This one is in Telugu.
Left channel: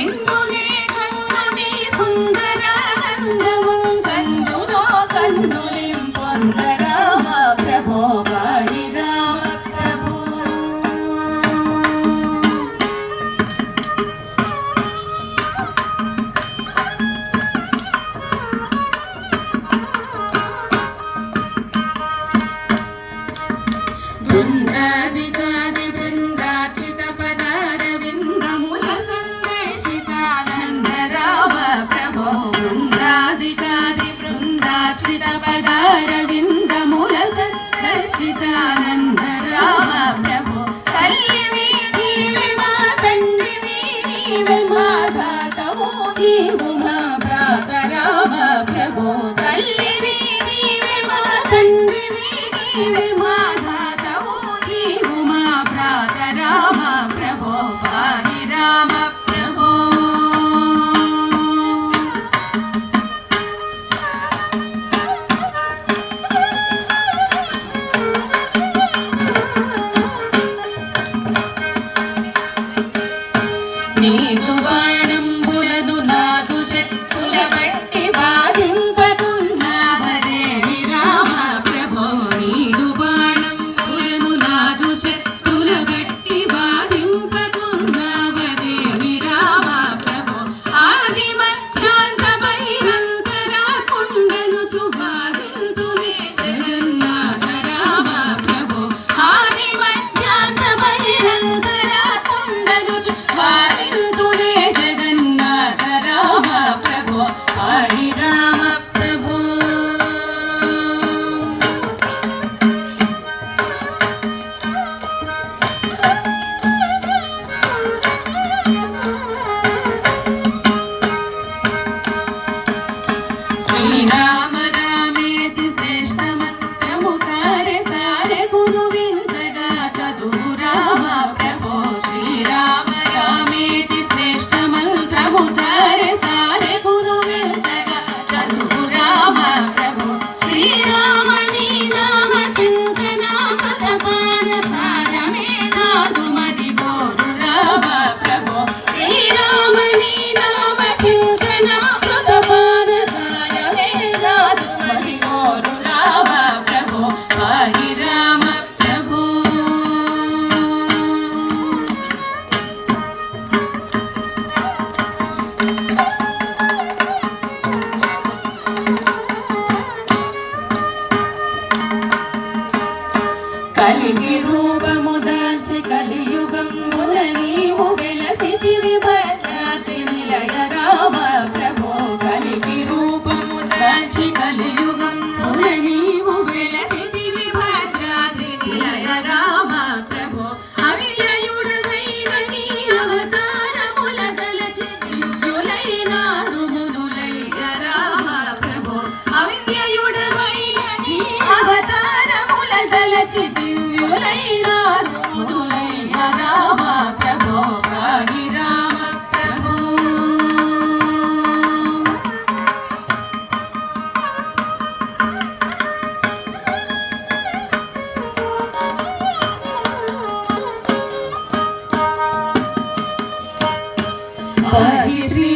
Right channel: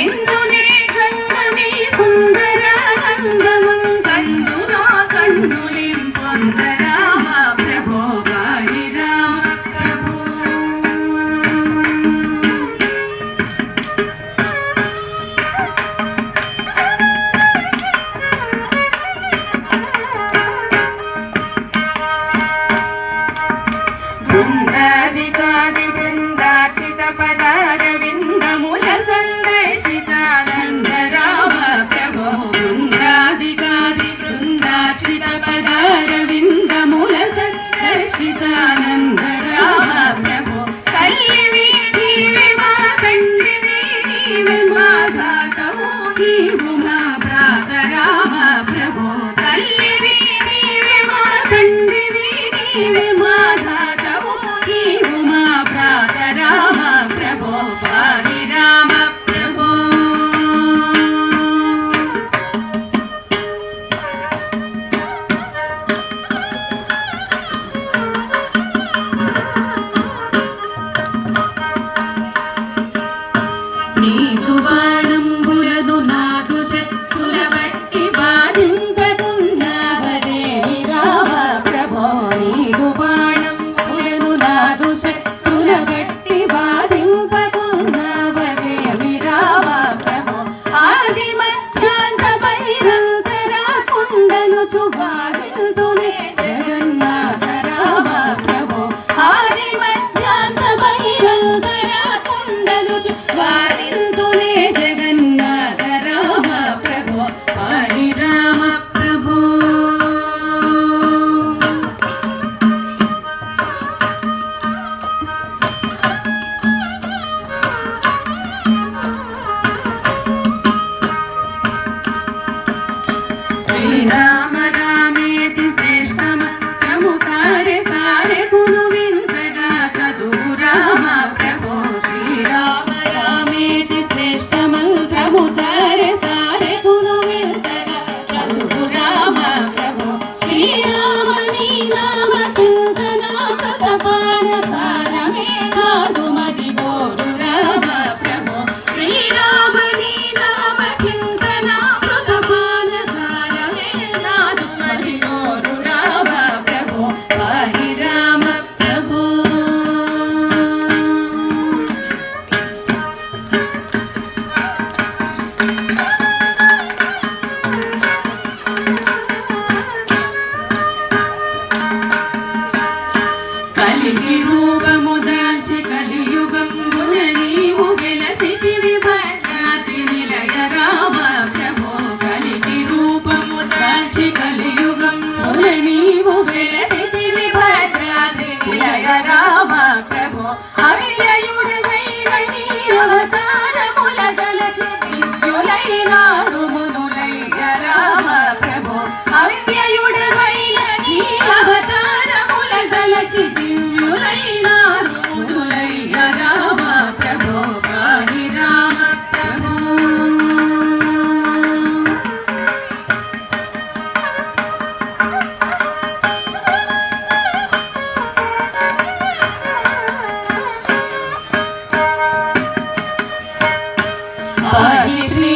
ఎందునే కన్నుని సుందరానందము కందులో కన్నులిం పొందరామ ప్రభో వారి రామ ప్రభో బృందాదికాది బృందార్చిత పదారవిందముల సందర్శితానంద రామ ప్రభో బృందాదికాది బృందార్చిత పదారవిందముల సందర్శితానంద రామ ప్రభో తల్లివి నీవే మా తండ్రివి నీవే మా ధాతవు నీవు మా భ్రాత రామ ప్రభో తల్లివి నీవే మా తండ్రివి నీవే మా ధాతవు నీవు మా భ్రాత రామ ప్రభో వారి రామ ప్రభో నీదు బాణంబులను నాదు శత్రుల బట్టి బాధింపకున్నావదేవి రామ ప్రభో నీదు బాణంబులను నాదు శత్రుల బట్టి బాధింపకున్నావదేవి రామ ప్రభో ఆది మధ్యాంత బహిరంతరా కుండను చుబాదిల్తునే జగన్నాథ రామ ప్రభో ఆది మధ్యాంత బహిరంతరా కుండను చుబాదిల్తునే జగన్నాథ రామ ప్రభో వారి రామ ప్రభో శ్రీరామ రామేతి శ్రేష్ఠ మంత్రము సారె సారె గురు వింతగా చదువు రామ ప్రభో శ్రీరామ రామేతి శ్రేష్ఠ మంత్రము సారె సారె గురు వింతగా చదువు రామ ప్రభో శ్రీరామ నీ నామ చింతన ప్రతపాన సారమే నాదు మది గోరు రామ ప్రభో శ్రీరామ నీ నామ చింతన ప్రతపాన సారమే నాదు మది గోరు రామ ప్రభో వారి రామ ప్రభో కలిగి రూపము దాల్చి కలియుగంబున నీవు వెలసితివి భద్రాద్రి నిలయ రామ ప్రభో కలిగి రూపము దాల్చి కలియుగంబున నీవు వెలసితివి భద్రాద్రి నిలయ రామ ప్రభో అవ్యయుడైన నీ అవతారముల దలచి దివ్యులైన రుమునులయ్య రామ ప్రభో అవ్యయుడైన నీ అవతారముల దలచి దివ్యులైన రుమునులయ్య రామ ప్రభో వారి రామ ప్రభో పాహి శ్రీ